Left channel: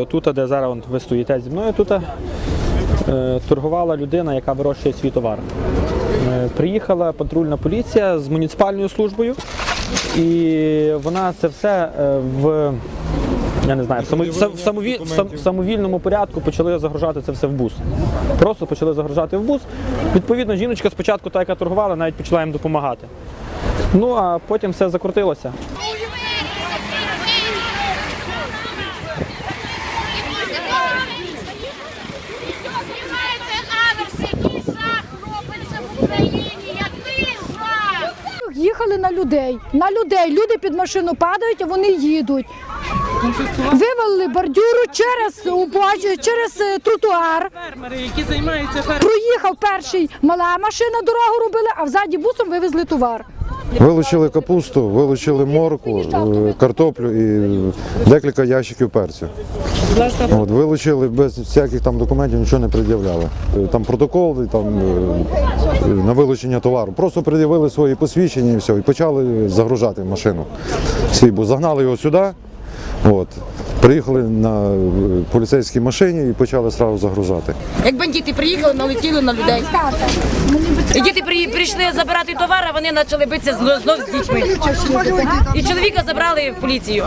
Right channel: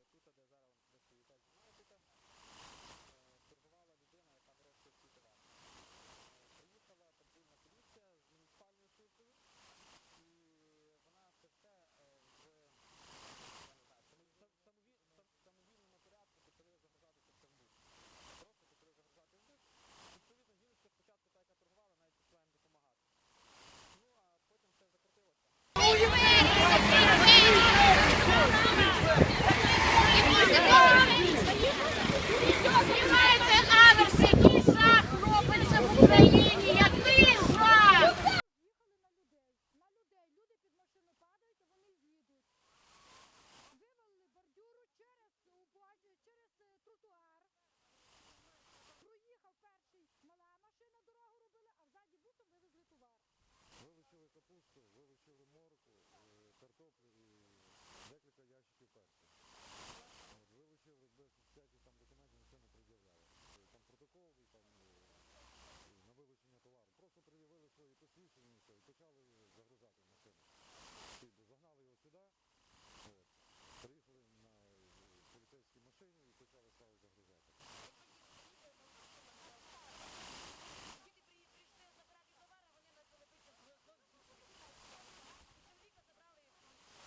отут, де зараз ви стоїте зі мною, тут е, торгувала людина, яка вирощує свій товар. Е, Приїхала патрульна поліція з муніципальною службою, і вона це все е, в. Я не знаю, в, самові- в самові- в самовільному порядку почали загружати це все в бус. Просто почали загружати в бус. Відповідно, жіночка спочатку, та, яка торгувала, навіть почала їм допомагати. Ну а потім все закрутилося. Їхали на людей. На людей. Люди під машину падають, а вони їдуть. Вивели бордюру через через е, тротуар. фермери, які займаються. Проїхав перший мала машина, дорогу робили, а взаді бусом вивезли товар. Вилучили капусту, вилучили морку, е, картоплю і декілька ящиків перцю. От, вилучили без всяких там документів, нічого не пред'являли. Е, Там протокол там на вилучення товару. Просто пред'явили свої посвідчення і все, і почали загружати машину. Свій бо Загнали його сюди. От. Приїхали на е, поліцейській машині і почали одразу загружати. Як бандити приїхали, налетіли на людей. І діти при- прийшли забирати товар, а вони почали битися знов, знов з дітьми. І чоловіка забрали в поліцію.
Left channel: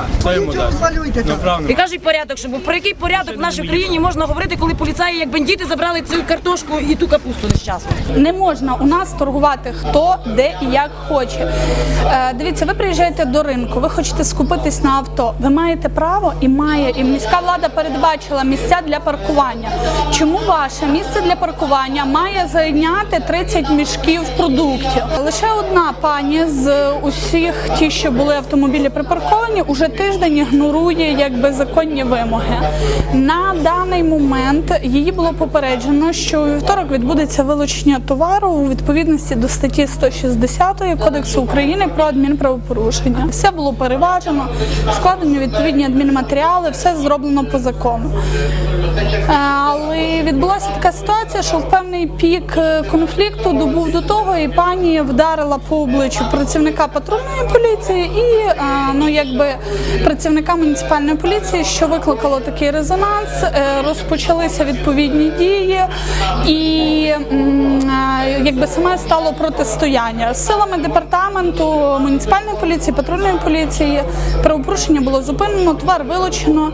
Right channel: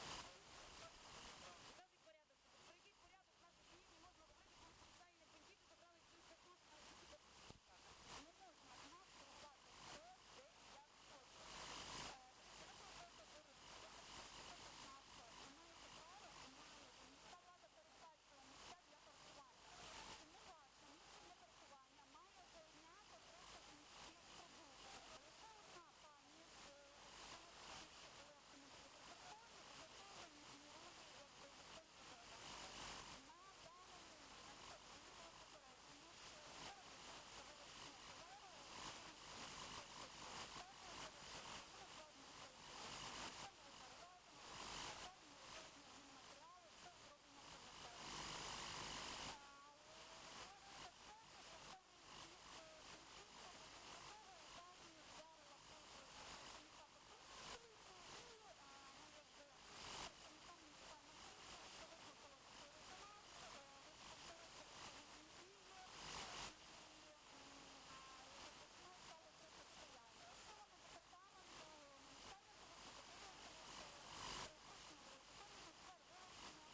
І кажуть порядок, що про який порядок в нашій країні можна говорити, коли поліцаї, як бандити, забрали цю картошку і ту капусту нещасну. Не можна у нас торгувати хто, де і як хоче. Е, дивіться, ви приїжджаєте до ринку, ви хочете скупитись на авто. Ви маєте право і має, і міська влада передбачила місця для паркування. Чому ваше місце для паркування має зайняти 30 мішків продуктів? Лише одна пані з усіх ті, що були автомобілі припарковані, уже тиждень ігнорує якби законні вимоги. На даний момент її було попереджено, що у вівторок відбудеться вилучення товару у відповідності до статті 160 Кодексу України про адмінправопорушення. Все було переважено, складені відповідні адмінматеріали, все зроблено по закону. Е, Але відбулася така ситуація, що в певний пік е, конфлікту добув до того, і пані вдарила по обличчю працівника патрульної поліції і е, ну якби працівника муніципальної поліції, що викликало такий резонанс. Розпочалися відповідні дії, і якби саме стало протистояння силами департаменту муніципальної поліції, патрульної поліції. Правопорушення було зупинено, товар вилучено.